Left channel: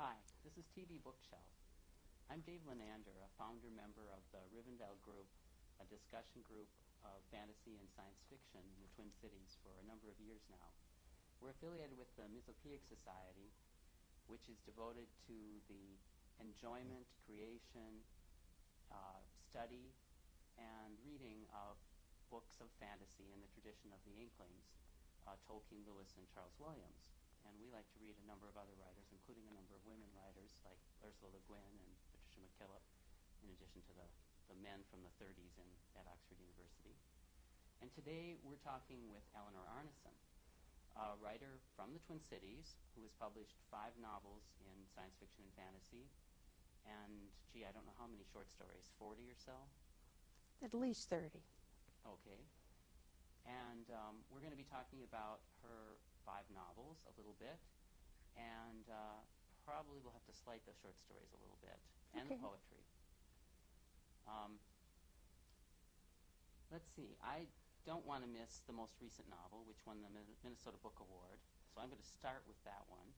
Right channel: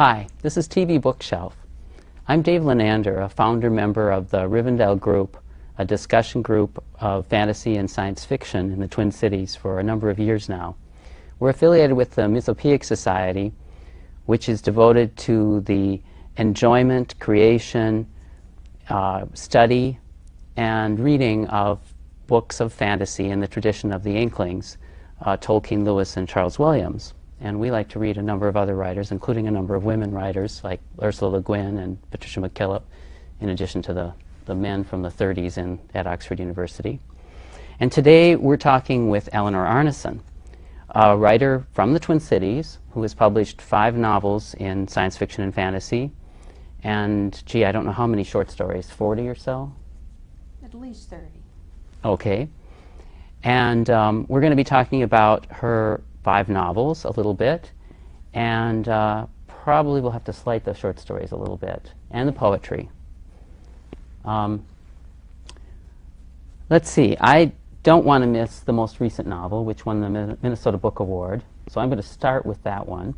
Hi, this is TV Bookshelf. I'm Dave Lenander, a founder member of the Rivendell Group, a discussion group of fantasy and science fiction in the Twin Cities for a number of years now. We're affiliated with the Mythopoeic Society, which is devoted to the enjoyment, creation, study, and reading of books of fantasy in the tradition of the Inklings, Tolkien, Lewis, and Charles Williams. And we like to read a number of other writers, including a number of women writers like Ursula Le Guin and Patricia MacKillop, in addition to the men from the 30s at Oxford University. And today we're talking with Eleanor Arnason, a writer from the Twin Cities who has published 5 novels in science fiction and fantasy. And, gee, I don't know how many short stories, 40 or so? At least 30. Okay. And we're going to be talking about her 5 novels a little bit, and probably we'll have to slight the short stories a little bit, and the poetry. Let's see. I don't want to miss the most recent novel, which won the Minnesota Book Award, so I'm going to start with that one.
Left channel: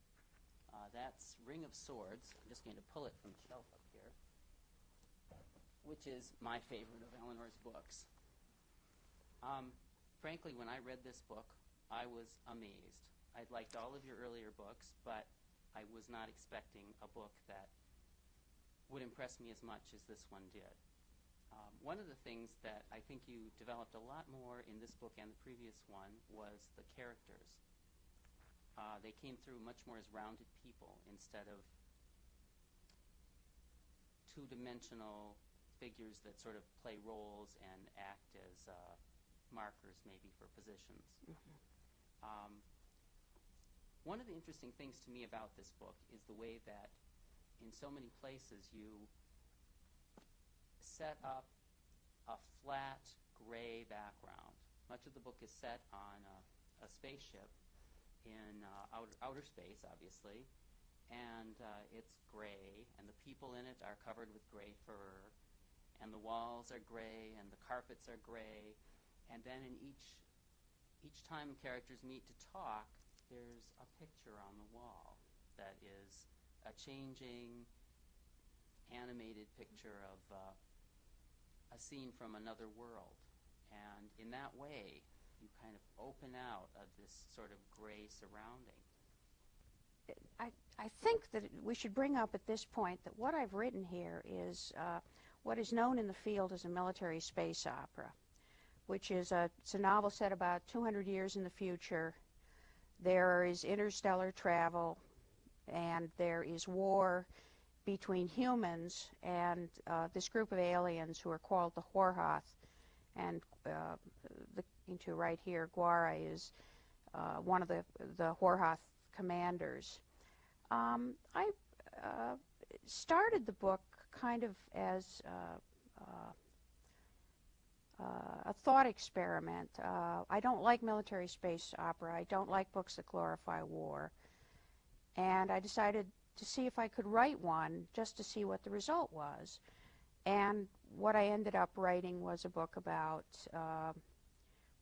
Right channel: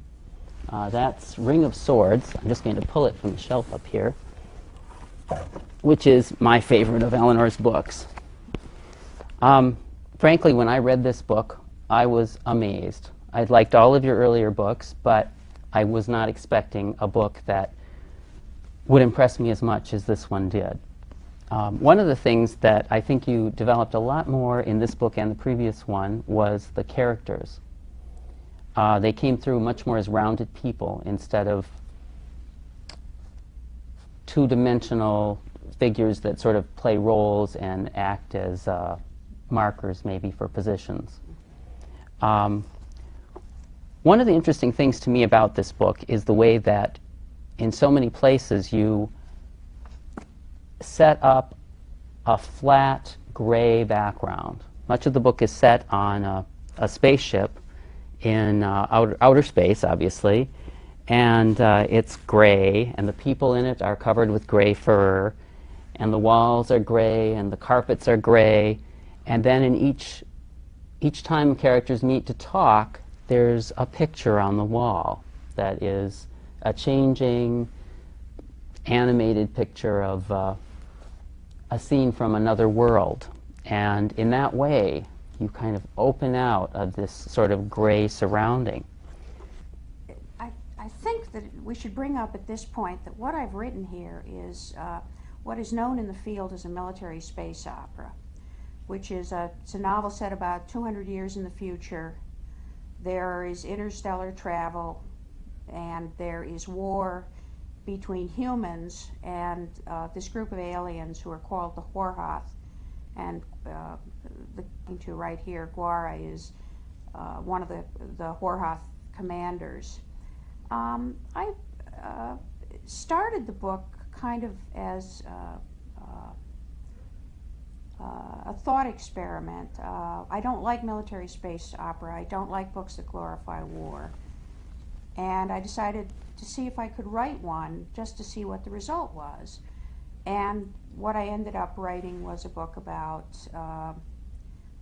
That's Ring of Swords. I'm just going to pull it from the shelf up here, which is my favorite of Eleanor's books. Frankly, when I read this book, I was amazed. I'd liked all of your earlier books, but I was not expecting a book that would impress me as much as this one did. One of the things that I think you developed a lot more in this book and the previous one was the characters. They came through much more as rounded people instead of two-dimensional figures that sort of play roles and act as markers maybe for positions. One of the interesting things to me about this book is the way that in so many places you set up a flat gray background. Much of the book is set on a spaceship in outer space, obviously, and it's gray, and the people in it are covered with gray fur, and the walls are gray, and the carpets are gray, and then in each time characters meet to talk, there's a picture on the wall that is a changing, animated picture of a scene from another world. And in that way, you kind of open out of this sort of gray surrounding. I think that we should bring up at this point that what I've written here is what is known in the field as a military space opera, which is it's a novel set about 200 years in the future. There is interstellar travel, and there is war between humans and this group of aliens who are called the Horhoth. And to right here, Guara is one of the Horhoth commanders. I started the book kind of as a thought experiment. I don't like military space opera. I don't like books that glorify war. And I decided to see if I could write one just to see what the result was. And what I ended up writing was a book about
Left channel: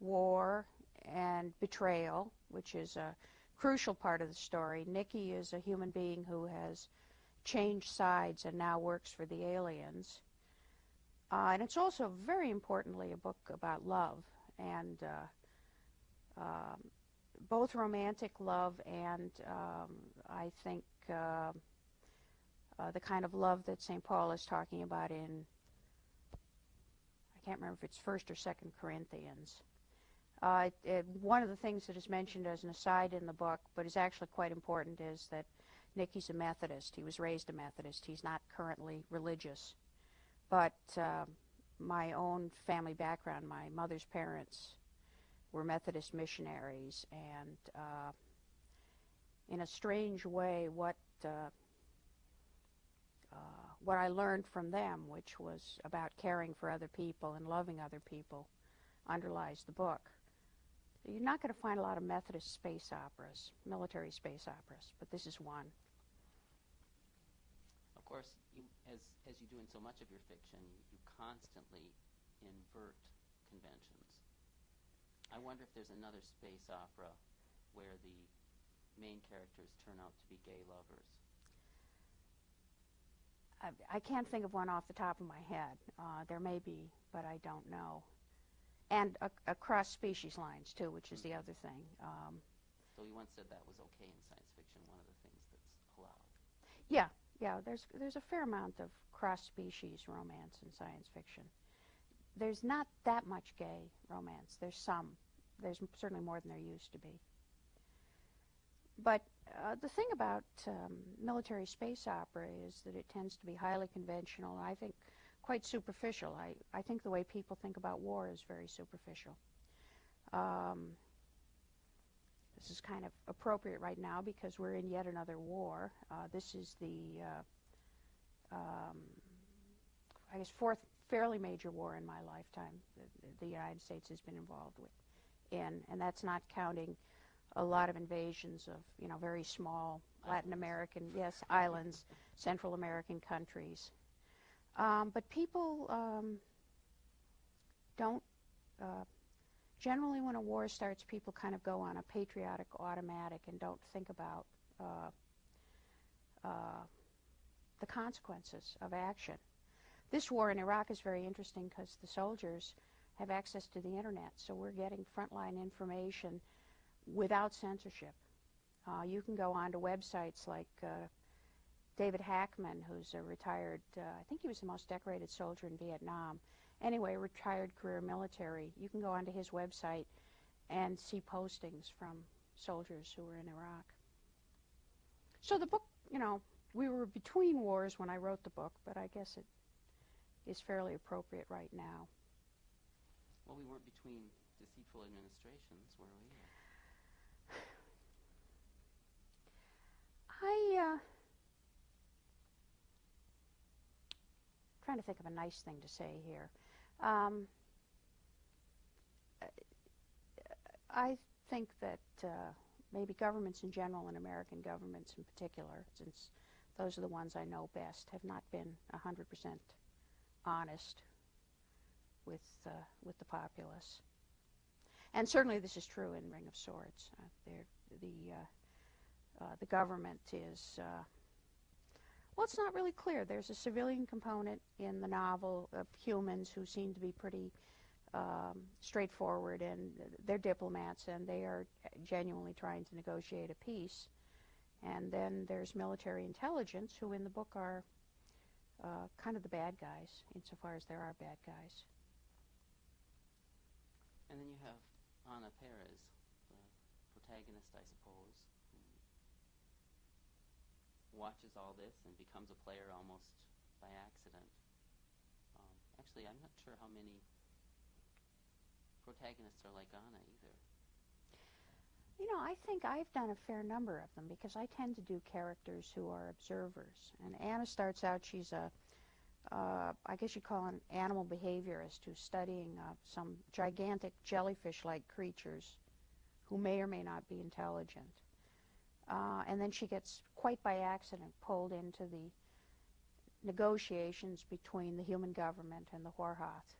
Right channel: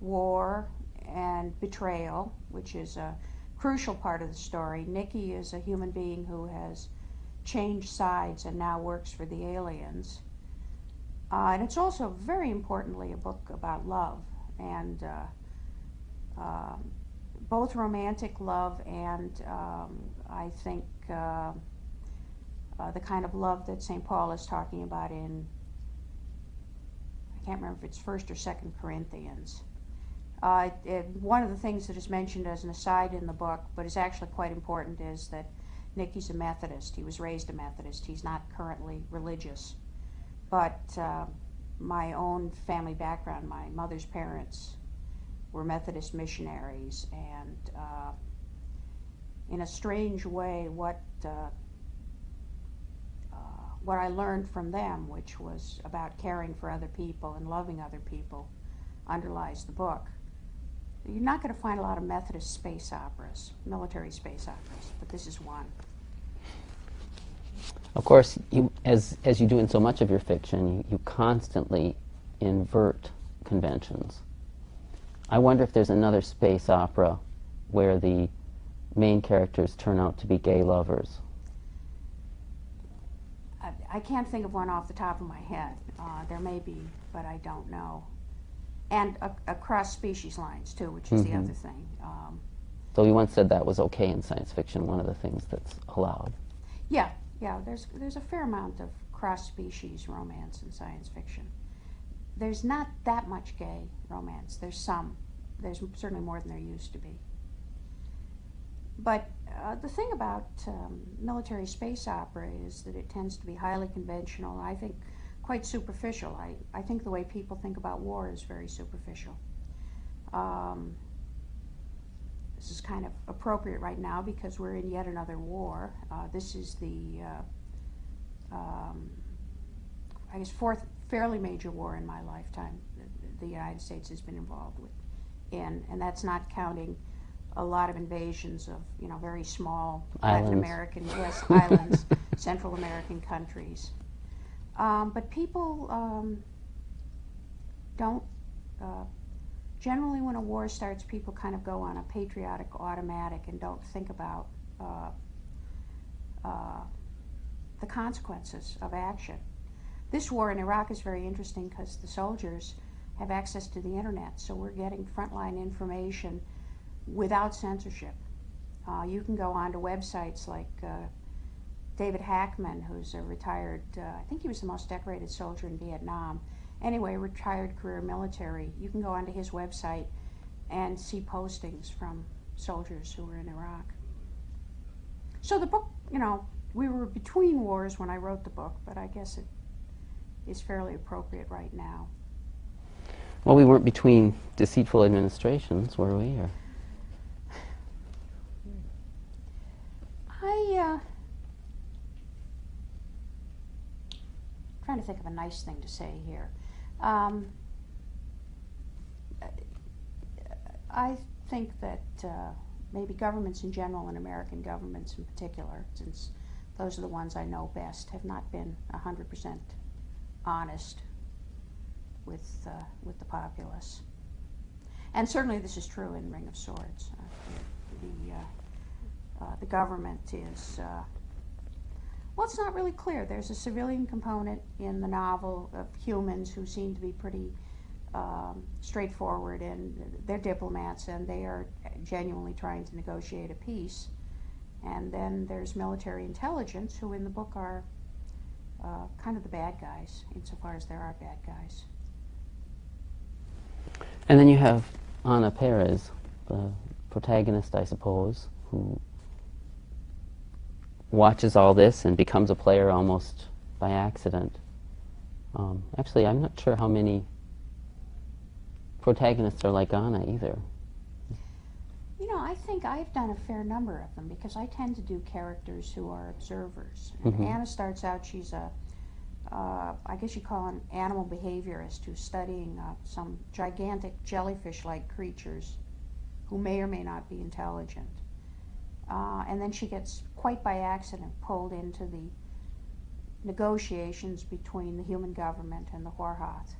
war and betrayal, which is a crucial part of the story. Nikki is a human being who has changed sides and now works for the aliens. And it's also, very importantly, a book about love, and both romantic love and, I think, the kind of love that St. Paul is talking about in, I can't remember if it's 1st or 2nd Corinthians. One of the things that is mentioned as an aside in the book, but is actually quite important, is that Nicky's a Methodist. He was raised a Methodist. He's not currently religious. But my own family background, my mother's parents were Methodist missionaries, and in a strange way, what I learned from them, which was about caring for other people and loving other people, underlies the book. You're not going to find a lot of Methodist space operas, military space operas, but this is one. Of course, as you do in so much of your fiction, you constantly invert conventions. I wonder if there's another space opera where the main characters turn out to be gay lovers. I can't think of one off the top of my head. There may be, but I don't know. And across species lines, too, which is the other thing. So you once said that was okay in science fiction, one of the things that's allowed. Yeah, there's a fair amount of cross-species romance in science fiction. There's not that much gay romance. There's some. There's certainly more than there used to be. But the thing about military space opera is that it tends to be highly conventional, I think quite superficial. I think the way people think about war is very superficial. This is kind of appropriate right now because we're in yet another war. This is the, I guess, fourth fairly major war in my lifetime the United States has been involved with. And that's not counting a lot of invasions of, very small Islands. Latin American, yes, islands, Central American countries. But people don't, generally when a war starts, people kind of go on a patriotic automatic and don't think about the consequences of action. This war in Iraq is very interesting because the soldiers have access to the internet, so we're getting frontline information without censorship. You can go onto websites like David Hackman, who's a retired, I think he was the most decorated soldier in Vietnam. Anyway, retired career military. You can go onto his website and see postings from soldiers who were in Iraq. So the book, we were between wars when I wrote the book, but I guess it is fairly appropriate right now. Well, we weren't between deceitful administrations, were we? Or? Trying to think of a nice thing to say here. I think that maybe governments in general and American governments in particular, since those are the ones I know best, have not been 100% honest with the populace. And certainly this is true in Ring of Swords. The government is, well, it's not really clear. There's a civilian component in the novel of humans who seem to be pretty straightforward, and they're diplomats, and they are genuinely trying to negotiate a peace. And then there's military intelligence, who in the book are kind of the bad guys, insofar as there are bad guys. And then you have Ana Perez, the protagonist, I suppose, who watches all this and becomes a player almost by accident. Actually, I'm not sure how many protagonists are like Ana either. I think I've done a fair number of them because I tend to do characters who are observers. And Ana starts out, she's I guess you call an animal behaviorist who's studying some gigantic jellyfish-like creatures who may or may not be intelligent. And then she gets, quite by accident, pulled into the negotiations between the human government and the Horhath.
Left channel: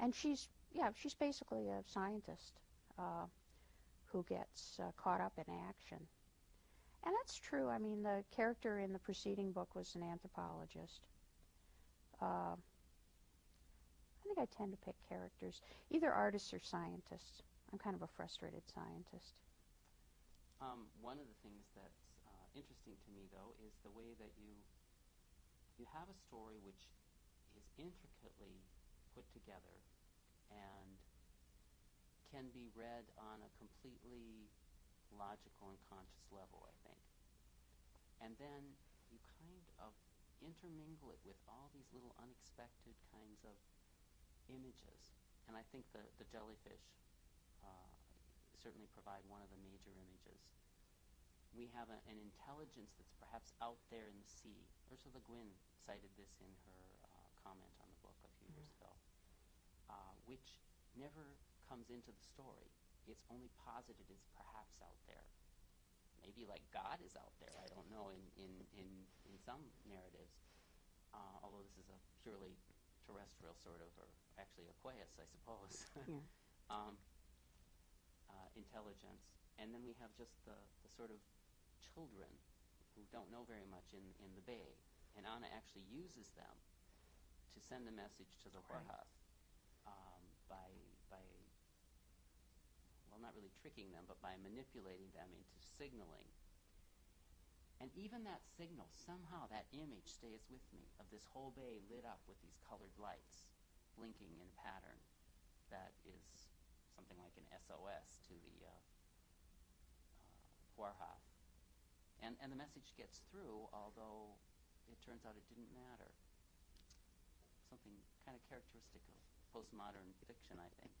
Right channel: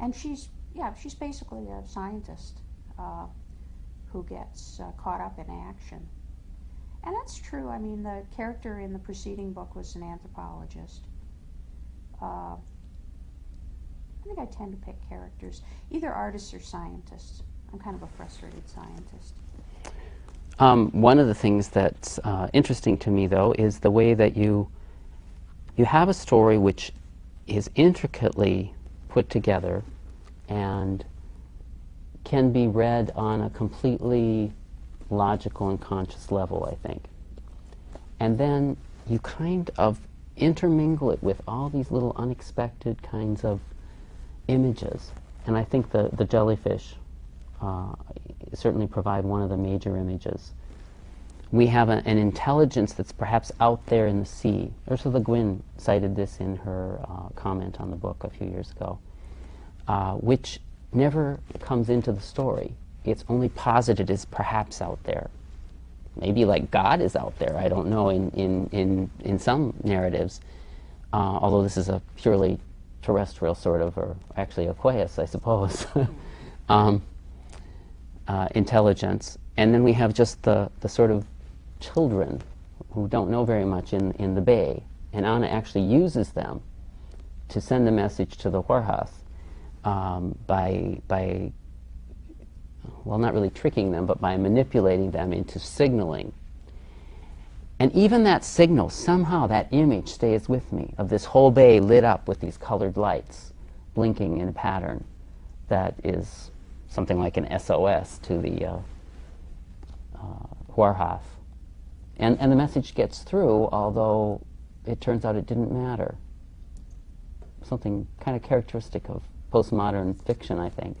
And she's basically a scientist who gets caught up in action. And that's true. I mean, the character in the preceding book was an anthropologist. I think I tend to pick characters, either artists or scientists. I'm kind of a frustrated scientist. One of the things that's interesting to me, though, is the way that you have a story which is intricately put together and can be read on a completely logical and conscious level, I think. And then you kind of intermingle it with all these little unexpected kinds of images. And I think the jellyfish certainly provide one of the major images. We have an intelligence that's perhaps out there in the sea. Ursula Le Guin cited this in her comment on the book a few years ago, which never comes into the story. It's only posited as perhaps out there. Maybe like God is out there, I don't know, in some narratives, although this is a purely terrestrial sort of, or actually aqueous, I suppose, intelligence. And then we have just the sort of children who don't know very much in the bay, And Anna actually uses them to send a message to the Warhath by, well, not really tricking them, but by manipulating them into signaling. And even that signal, somehow that image stays with me, of this whole bay lit up with these colored lights blinking in a pattern that is something like an SOS to the Warhath. And the message gets through, although it turns out it didn't matter. Something kind of characteristic of postmodern fiction, I think.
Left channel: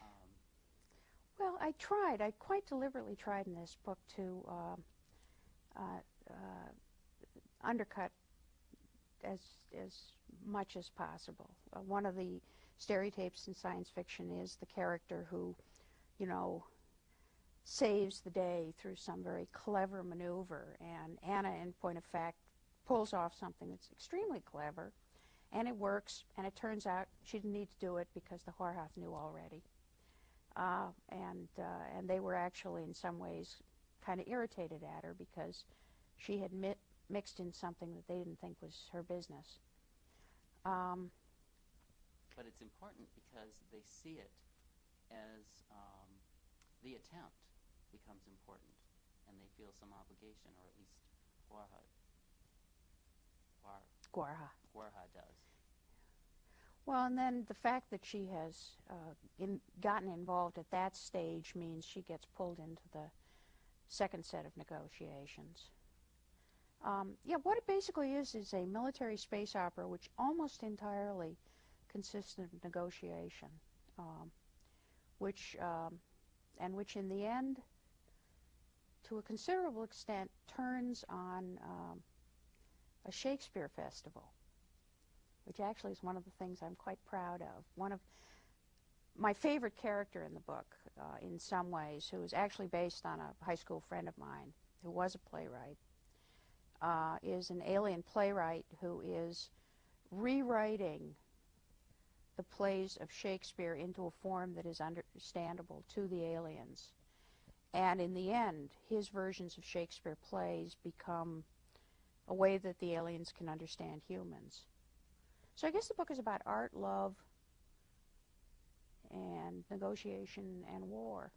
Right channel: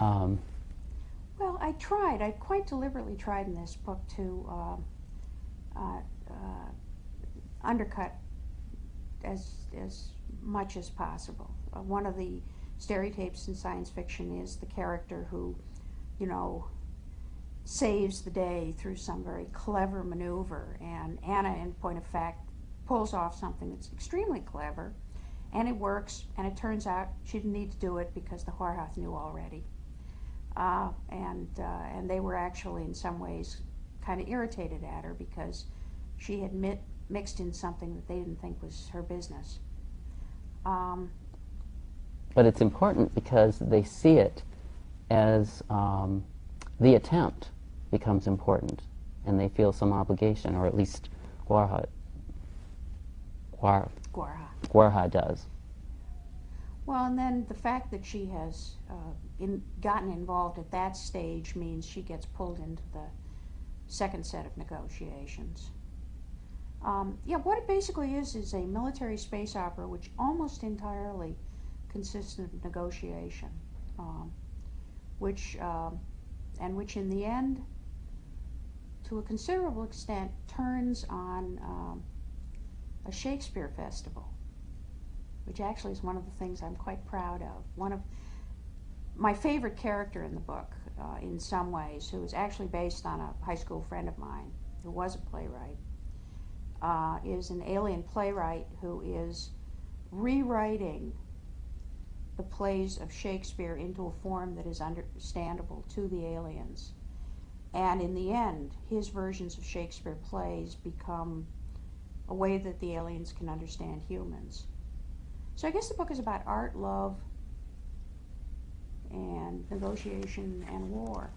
Well, I quite deliberately tried in this book to undercut as much as possible. One of the stereotypes in science fiction is the character who, you know, saves the day through some very clever maneuver, and Anna, in point of fact, pulls off something that's extremely clever, and it works, and it turns out she didn't need to do it because the Warhath knew already. And they were actually, in some ways, kind of irritated at her because she had mixed in something that they didn't think was her business. But it's important because they see it as the attempt becomes important, and they feel some obligation, or at least Guarha does. Well, and then the fact that she has gotten involved at that stage means she gets pulled into the second set of negotiations. Yeah, what it basically is a military space opera which almost entirely consists of negotiation, which in the end, to a considerable extent, turns on a Shakespeare Festival, which actually is one of the things I'm quite proud of. One of my favorite character in the book, in some ways, who is actually based on a high school friend of mine who was a playwright, is an alien playwright who is rewriting the plays of Shakespeare into a form that is understandable to the aliens. And in the end, his versions of Shakespeare plays become a way that the aliens can understand humans. So I guess the book is about art, love, and negotiation and war.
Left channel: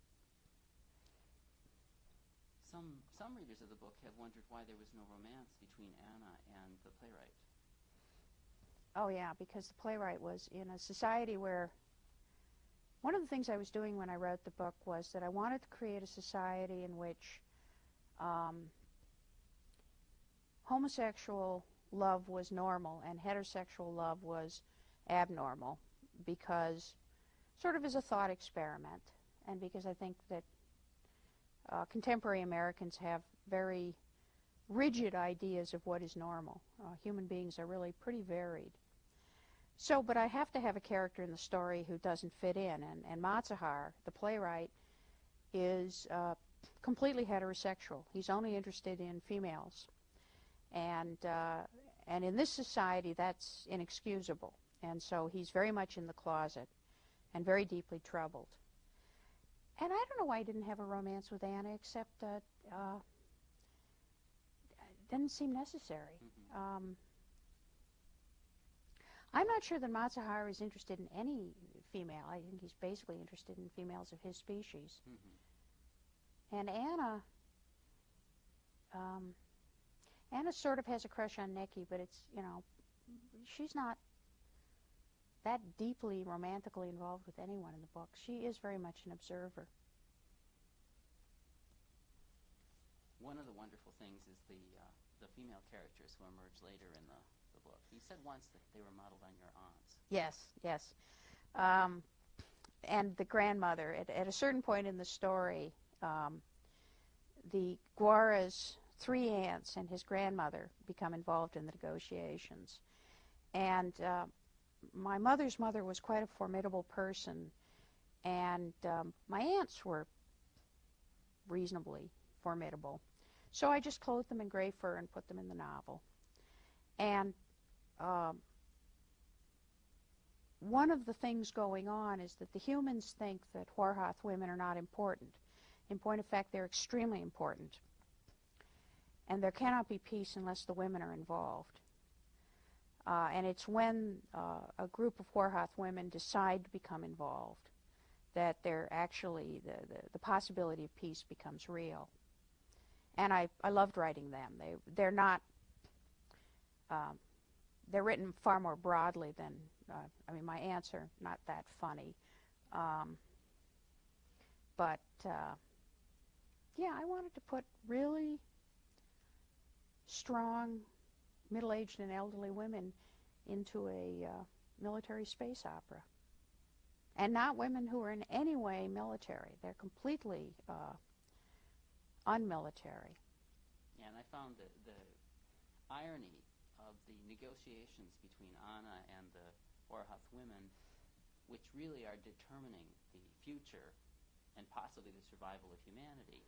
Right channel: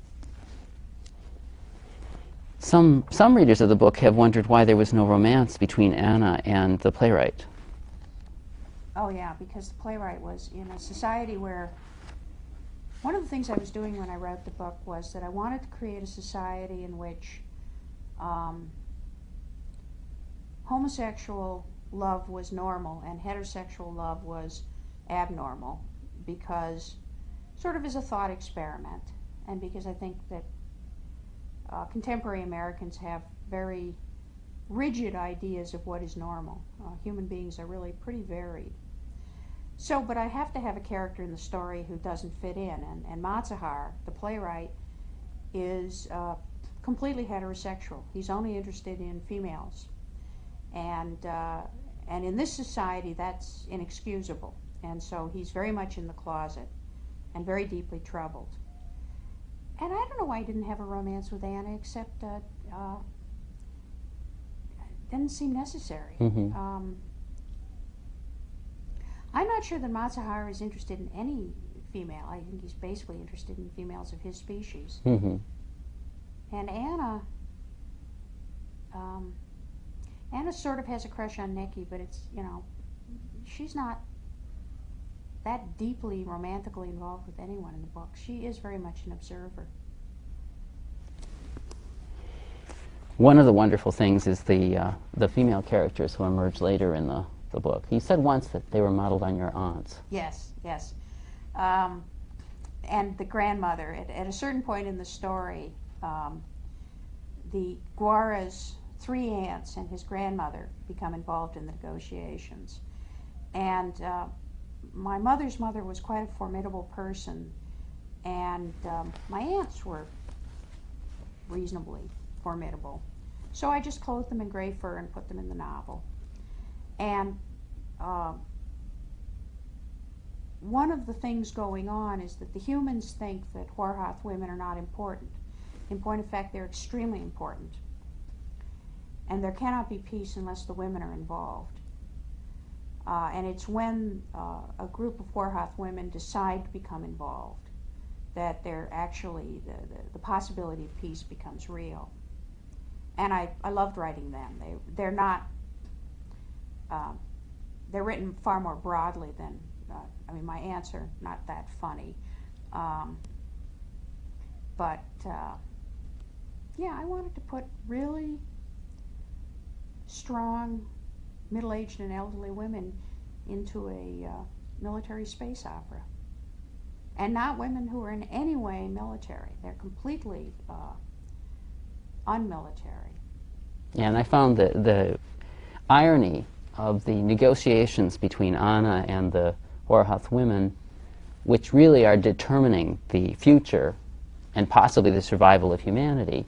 Some readers of the book have wondered why there was no romance between Anna and the playwright. Oh yeah, because the playwright was in a society where one of the things I was doing when I wrote the book was that I wanted to create a society in which homosexual love was normal and heterosexual love was abnormal, because sort of as a thought experiment, and because I think that contemporary Americans have very rigid ideas of what is normal. Human beings are really pretty varied. So, but I have to have a character in the story who doesn't fit in, and Matsahar, the playwright, is completely heterosexual. He's only interested in females, and in this society that's inexcusable, and so he's very much in the closet and very deeply troubled. And I don't know why he didn't have a romance with Anna, except it didn't seem necessary. Mm-hmm. I'm not sure that Matsahar is interested in any female. I think he's basically interested in females of his species. Mm-hmm. And Anna sort of has a crush on Nikki, but it's, you know, she's not that deeply romantically involved with anyone in the book. She is very much an observer. One of the wonderful things is the female characters who emerge later in the book. You said once that they were modeled on your aunts. Yes, yes. And the grandmother, at a certain point in the story, the Guara's 3 aunts and his grandmother become involved in the negotiations. And my mother's mother was quite a formidable person, and my aunts were reasonably formidable. So I just clothed them in gray fur and put them in the novel. And one of the things going on is that the humans think that Warhath women are not important. In point of fact, they're extremely important. and there cannot be peace unless the women are involved. And it's when a group of Warhoth women decide to become involved that they're actually, the possibility of peace becomes real. And I loved writing them. They're not, they're written far more broadly than, I mean, my aunts are not that funny. But yeah, I wanted to put really strong middle-aged and elderly women into a military space opera. And not women who are in any way military. They're completely unmilitary. Yeah, and I found the irony of the negotiations between Anna and the Warhoth women, which really are determining the future and possibly the survival of humanity,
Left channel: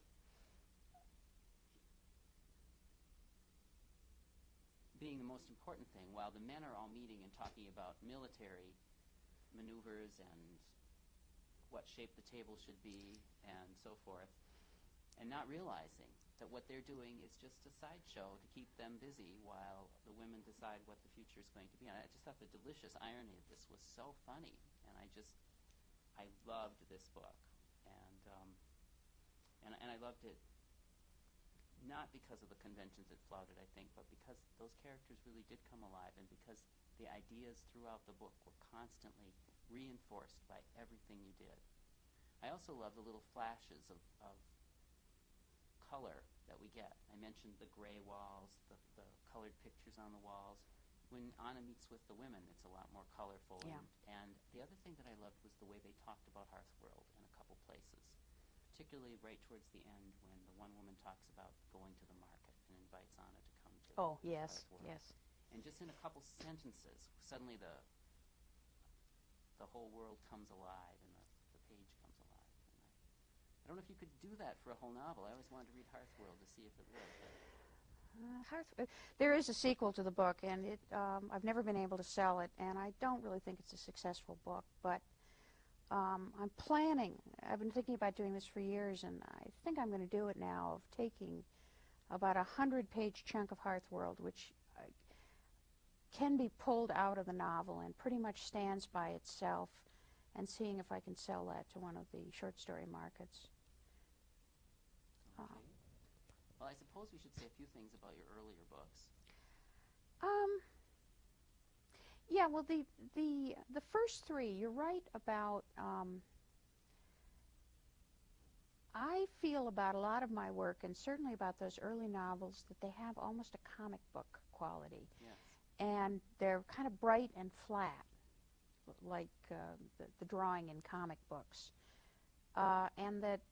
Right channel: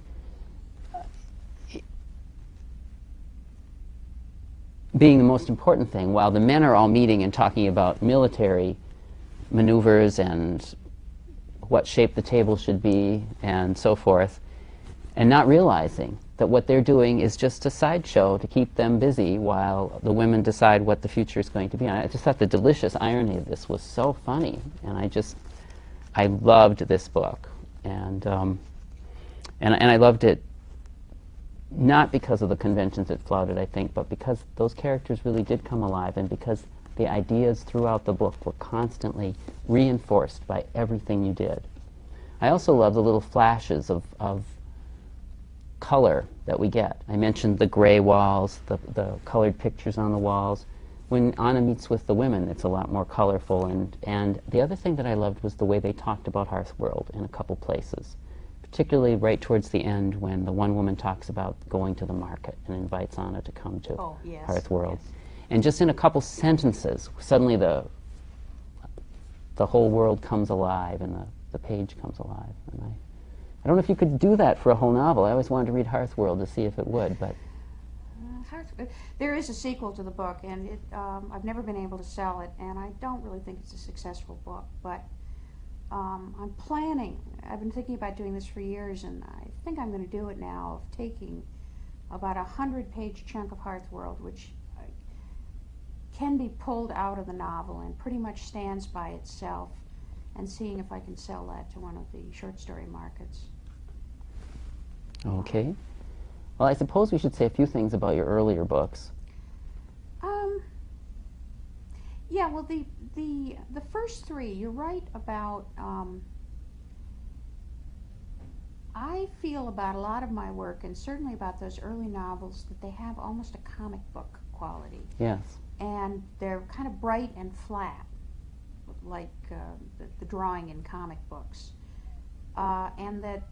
being the most important thing, while the men are all meeting and talking about military maneuvers and what shape the table should be and so forth, and not realizing that what they're doing is just a sideshow to keep them busy while the women decide what the future is going to be. And I just thought the delicious irony of this was so funny, and I loved this book, and I loved it not because of the conventions it flouted, I think, but because those characters really did come alive, and because the ideas throughout the book were constantly reinforced by everything you did. I also love the little flashes of color that we get. I mentioned the gray walls, the colored pictures on the walls. When Anna meets with the women, it's a lot more colorful. And the other thing that I loved was the way they talked about Hearthworld in a couple places, particularly right towards the end when the one woman talks about going to the market and invites Anna to come to Hearthworld. Yes. And just in a couple sentences, suddenly the whole world comes alive and the page comes alive. And I don't know if you could do that for a whole novel. I always wanted to read Hearthworld to see if it would, but... There is a sequel to the book, and I've never been able to sell it, and I don't really think it's a successful book, but I'm planning. I've been thinking about doing this for years, and I think I'm going to do it now, of taking about 100-page chunk of Hearthworld, which can be pulled out of the novel and pretty much stands by itself, and seeing if I can sell that to one of the short story markets. Okay. Well, I suppose we should say a few things about your earlier books. Yeah, well, the first three, you're right about, I feel about a lot of my work, and certainly about those early novels, that they have almost a comic book quality. Yes. And they're kind of bright and flat, like the drawing in comic books. And that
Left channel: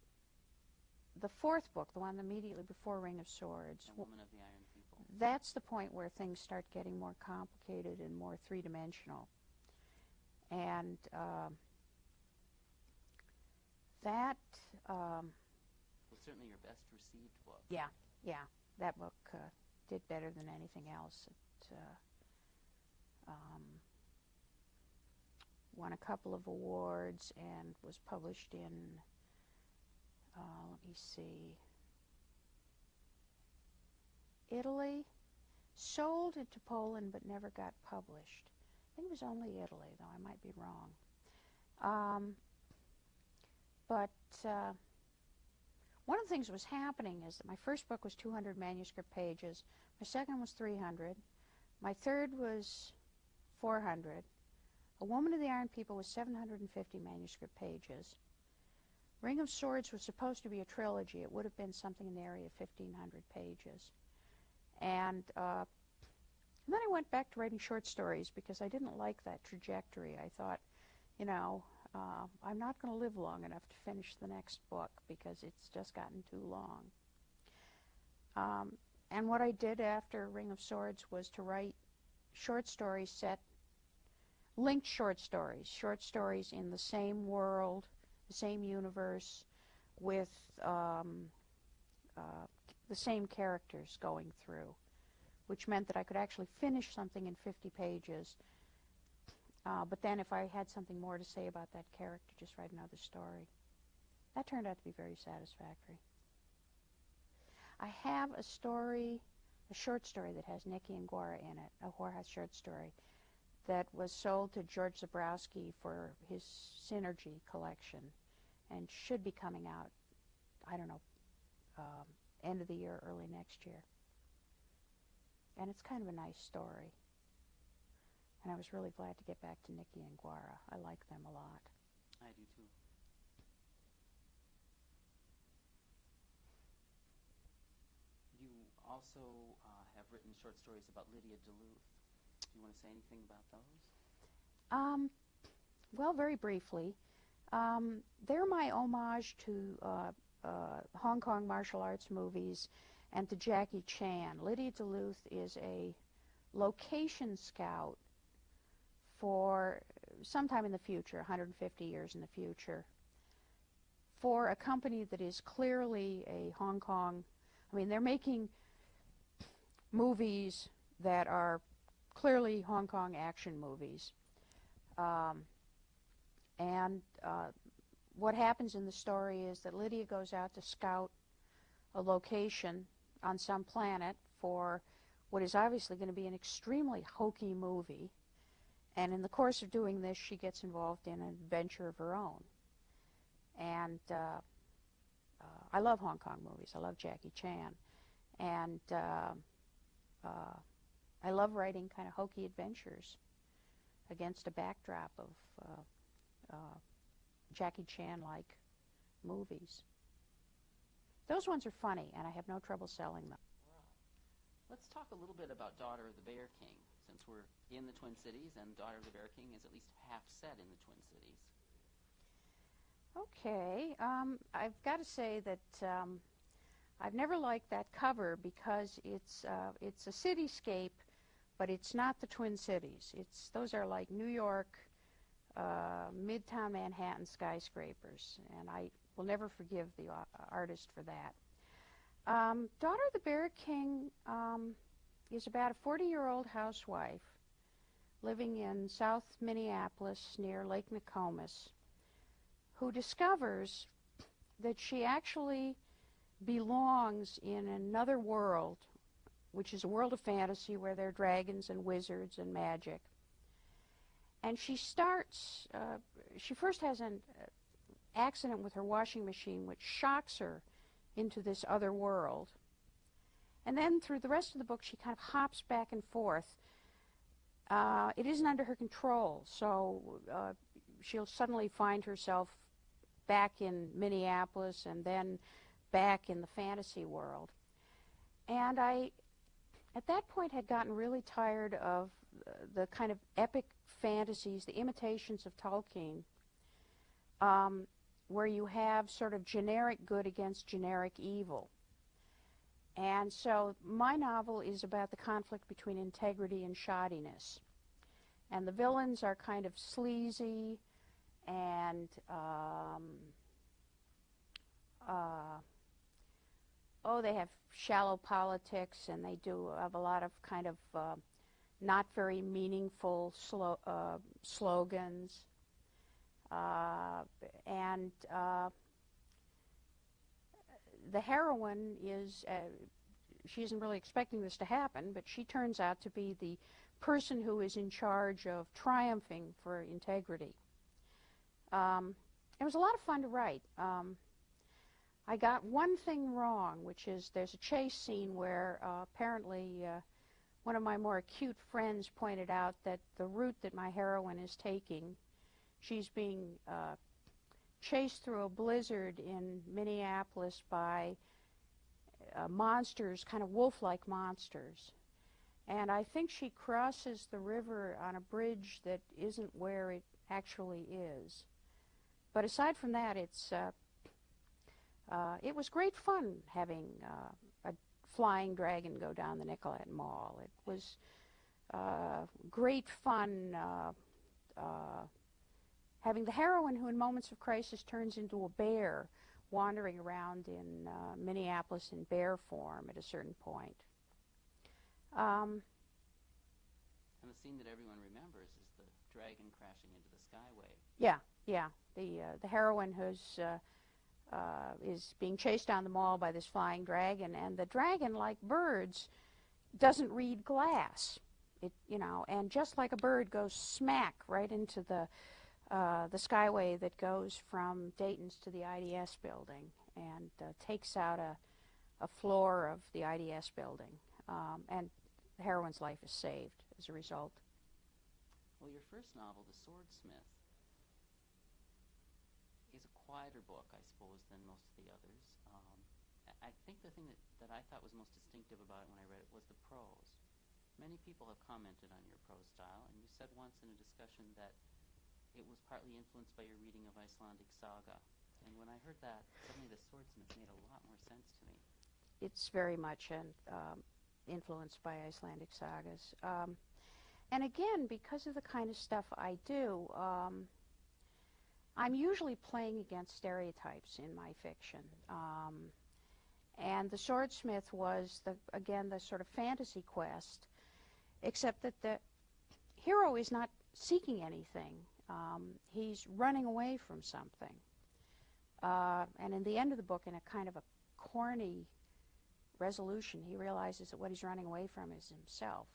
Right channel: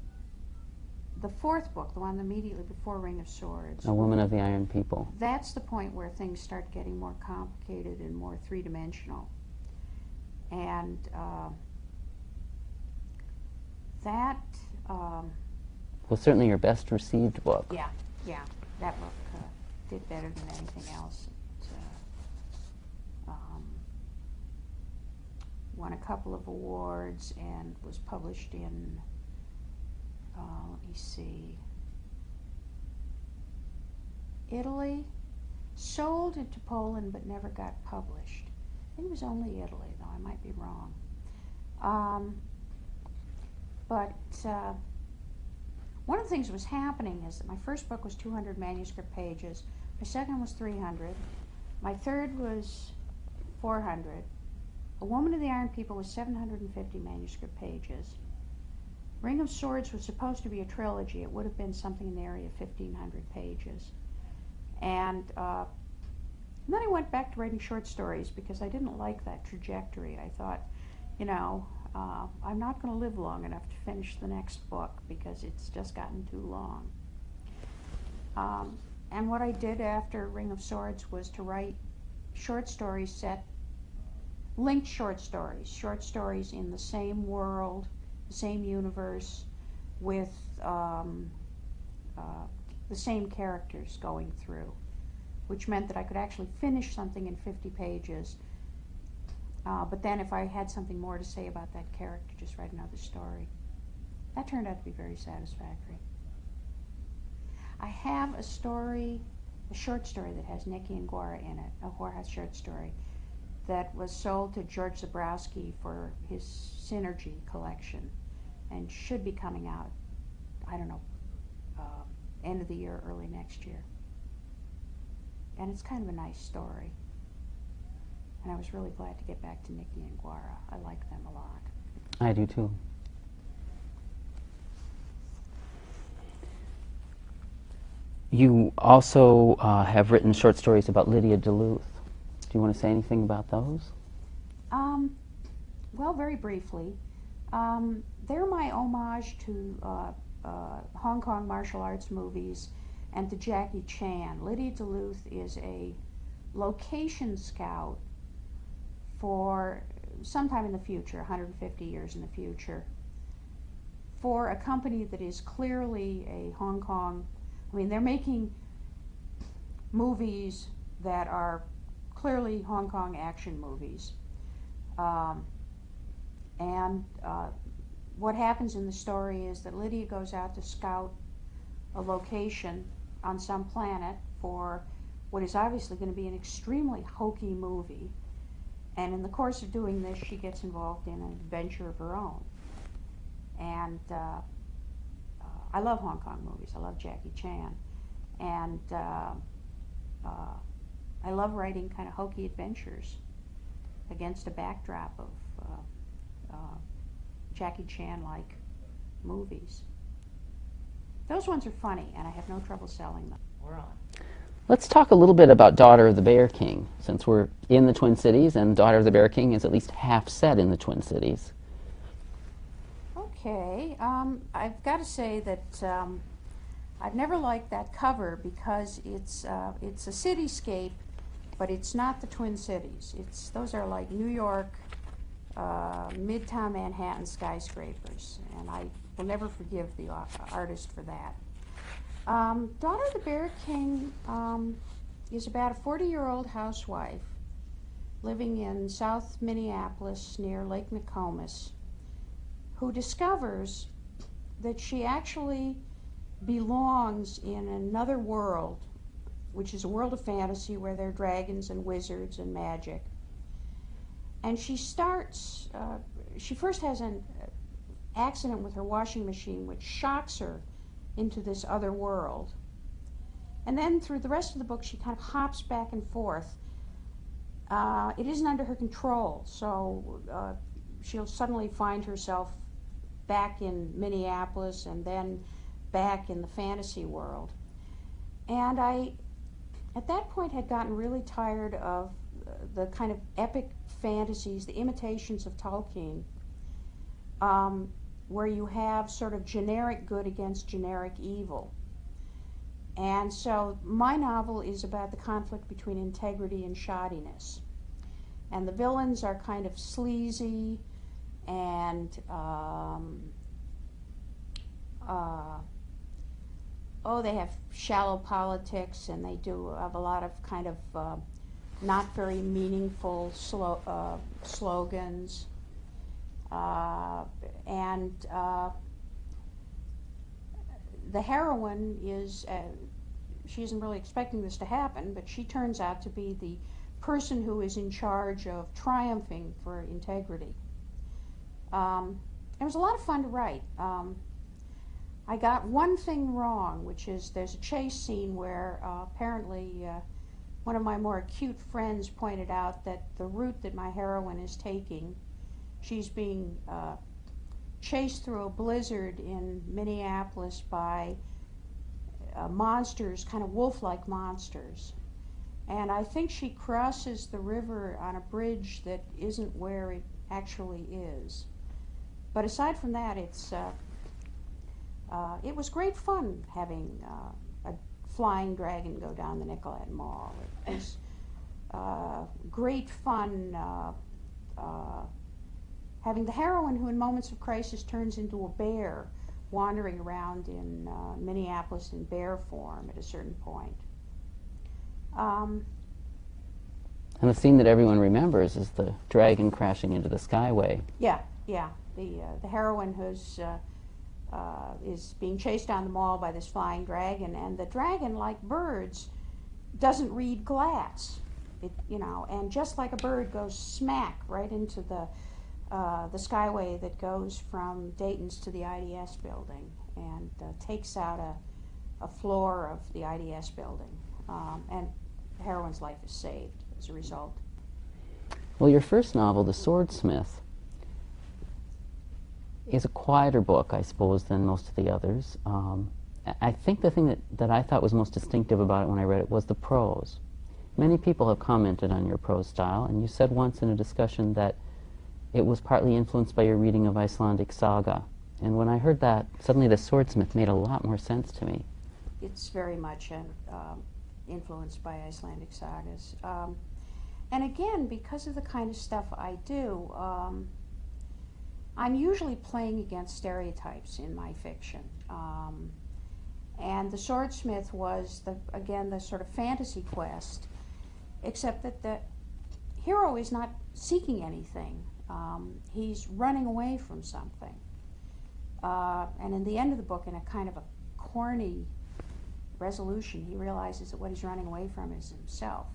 the fourth book, the one immediately before Ring of Swords, A Woman of the Iron People. That's the point where things start getting more complicated and more three-dimensional. And that... was certainly your best received book. Yeah, that book did better than anything else. It won a couple of awards and was published in, let me see, Italy, sold into Poland but never got published. I think it was only Italy, though I might be wrong. But one of the things that was happening is that my first book was 200 manuscript pages, my second was 300, my third was 400, A Woman of the Iron People was 750 manuscript pages. Ring of Swords was supposed to be a trilogy. It would have been something in the area of 1,500 pages. And then I went back to writing short stories because I didn't like that trajectory. I thought, you know, I'm not going to live long enough to finish the next book because it's just gotten too long. And what I did after Ring of Swords was to write short stories linked short stories in the same world, the same universe, with the same characters going through, which meant that I could actually finish something in 50 pages. But then if I had something more to say about that character, just write another story. That turned out to be very satisfactory. I have a story, a short story that has Nicky and Guara in it, a whorehouse short story that was sold to George Zabrowski for his Synergy collection and should be coming out, I don't know, end of the year, early next year. And it's kind of a nice story. And I was really glad to get back to Nicky and Guara. I like them a lot. I do too. You also have written short stories about Lydia Duluth. Do you want to say anything about those? Well, very briefly. They're my homage to Hong Kong martial arts movies and to Jackie Chan. Lydia Duluth is a location scout for sometime in the future, 150 years in the future, for a company that is clearly a Hong Kong, I mean, they're making movies that are clearly Hong Kong action movies. What happens in the story is that Lydia goes out to scout a location on some planet for what is obviously going to be an extremely hokey movie. And in the course of doing this, she gets involved in an adventure of her own. And I love Hong Kong movies. I love Jackie Chan. And I love writing kind of hokey adventures against a backdrop of Jackie Chan-like movies. Those ones are funny, and I have no trouble selling them. We're on. Let's talk a little bit about Daughter of the Bear King, since we're in the Twin Cities, and Daughter of the Bear King is at least half set in the Twin Cities. Okay, I've got to say that I've never liked that cover because it's a cityscape, but it's not the Twin Cities. Those are like New York, Midtown Manhattan skyscrapers, and I will never forgive the artist for that. Daughter of the Bear King is about a 40-year-old housewife living in South Minneapolis near Lake Nokomis who discovers that she actually belongs in another world, which is a world of fantasy where there are dragons and wizards and magic. And she first has an accident with her washing machine which shocks her into this other world. And then through the rest of the book she kind of hops back and forth. It isn't under her control, so she'll suddenly find herself back in Minneapolis and then back in the fantasy world. And I, at that point, had gotten really tired of the kind of epic fantasies, the imitations of Tolkien, where you have sort of generic good against generic evil. And so my novel is about the conflict between integrity and shoddiness. And the villains are kind of sleazy and they have shallow politics, and they do have a lot of kind of not very meaningful slogans. The heroine is, she isn't really expecting this to happen, but she turns out to be the person who is in charge of triumphing for integrity. It was a lot of fun to write. I got one thing wrong, which is there's a chase scene where apparently one of my more acute friends pointed out that the route that my heroine is taking, she's being chased through a blizzard in Minneapolis by monsters, kind of wolf-like monsters. And I think she crosses the river on a bridge that isn't where it actually is. But aside from that, it was great fun having a flying dragon go down the Nicollet Mall. It was great fun having the heroine who in moments of crisis turns into a bear wandering around in Minneapolis in bear form at a certain point. And the scene that everyone remembers is the dragon crashing into the skyway. Yeah. The heroine who's is being chased down the mall by this flying dragon, and the dragon, like birds, doesn't read glass. And just like a bird, goes smack right into the skyway that goes from Dayton's to the IDS building, and takes out a floor of the IDS building, and the heroine's life is saved as a result. Well, your first novel, The Swordsmith, is a quieter book, I suppose, than most of the others. I think the thing that I thought was most distinctive about it when I read it was the prose. Many people have commented on your prose style, and you said once in a discussion that it was partly influenced by your reading of Icelandic saga. And when I heard that, suddenly The Swordsmith made a lot more sense to me. It's very much influenced by Icelandic sagas. And again, because of the kind of stuff I do, I'm usually playing against stereotypes in my fiction. And The Swordsmith was, again, the sort of fantasy quest, except that the hero is not seeking anything. He's running away from something. And in the end of the book, in a kind of a corny resolution, he realizes that what he's running away from is himself.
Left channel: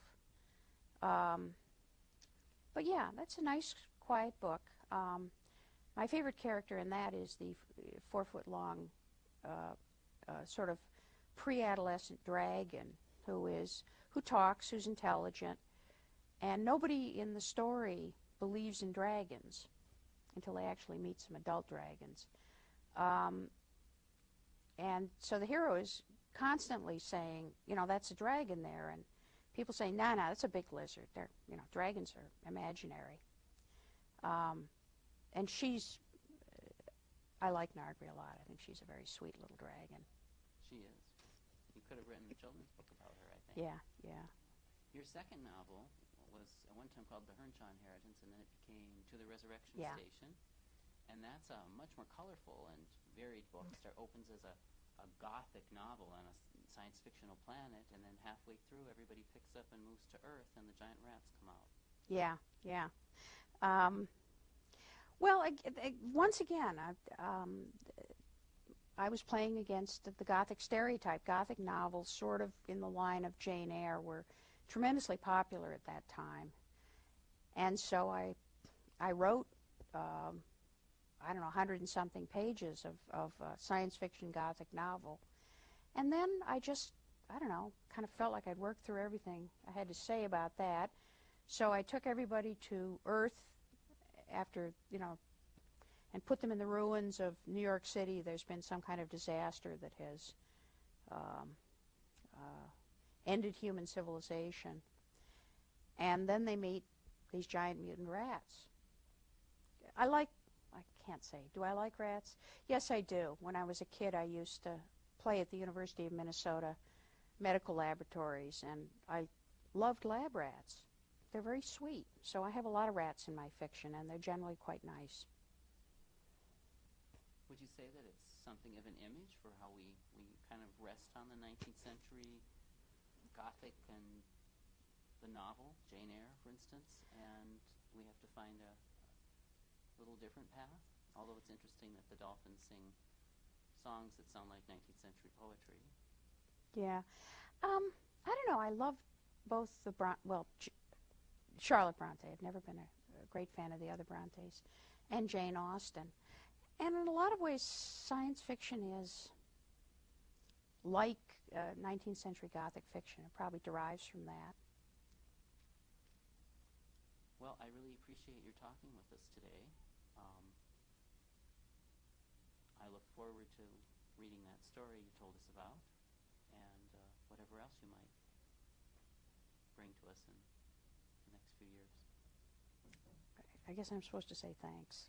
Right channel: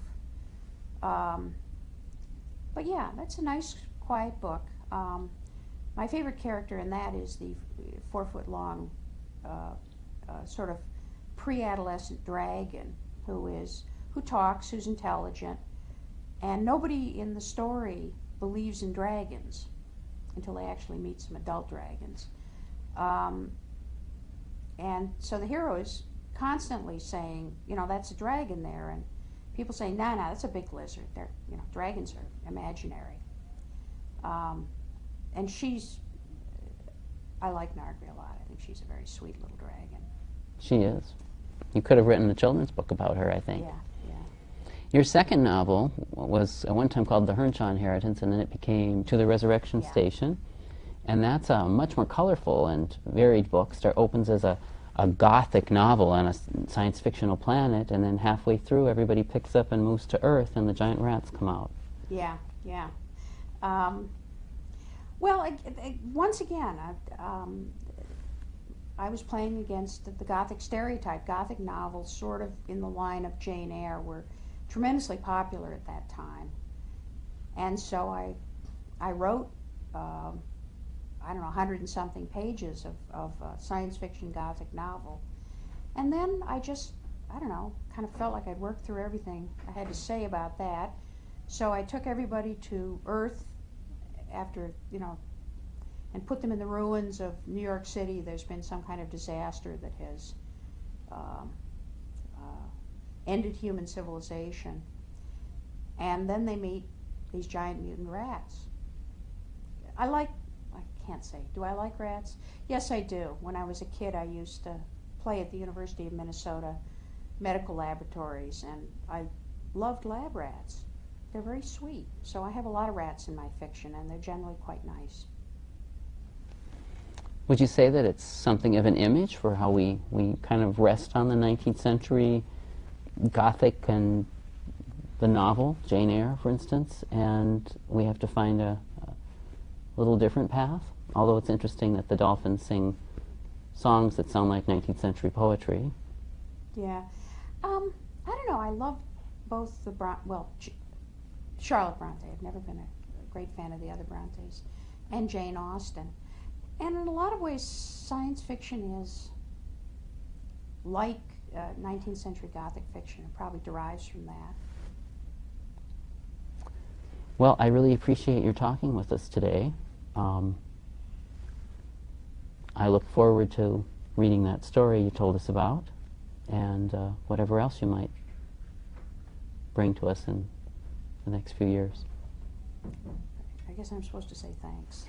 But yeah, that's a nice, quiet book. My favorite character in that is the 4-foot-long, sort of pre-adolescent dragon who talks, who's intelligent, and nobody in the story believes in dragons until they actually meet some adult dragons. And so the hero is constantly saying, that's a dragon there, and people say, no, that's a big lizard. Dragons are imaginary. And I like Nargvi a lot. I think she's a very sweet little dragon. She is. You could have written a children's book about her, I think. Yeah. Your second novel was at one time called The Hernshaw Inheritance, and then it became To the Resurrection Station. And that's a much more colorful and varied book. Opens as a gothic novel on a science fictional planet, and then halfway through everybody picks up and moves to Earth and the giant rats come out. Yeah. Well, once again, I was playing against the Gothic stereotype. Gothic novels, sort of in the line of Jane Eyre, were tremendously popular at that time. And so I wrote, 100 and something pages of science fiction Gothic novel. And then I just, kind of felt like I'd worked through everything I had to say about that. So I took everybody to Earth after, and put them in the ruins of New York City. There's been some kind of disaster that has ended human civilization. And then they meet these giant mutant rats. I can't say, do I like rats? Yes, I do. When I was a kid, I used to play at the University of Minnesota medical laboratories, and I loved lab rats. They're very sweet. So I have a lot of rats in my fiction, and they're generally quite nice. Would you say that it's something of an image for how we kind of rest on the 19th century Gothic and the novel, Jane Eyre, for instance, and we have to find a little different path? Although it's interesting that the dolphins sing songs that sound like 19th century poetry. Yeah. I don't know. I love both the Charlotte Bronte. I've never been a great fan of the other Brontes. And Jane Austen. And in a lot of ways, science fiction is like 19th century Gothic fiction. It probably derives from that. Well, I really appreciate your talking with us today. I look forward to reading that story you told us about, and whatever else you might bring to us in the next few years. I guess I'm supposed to say thanks.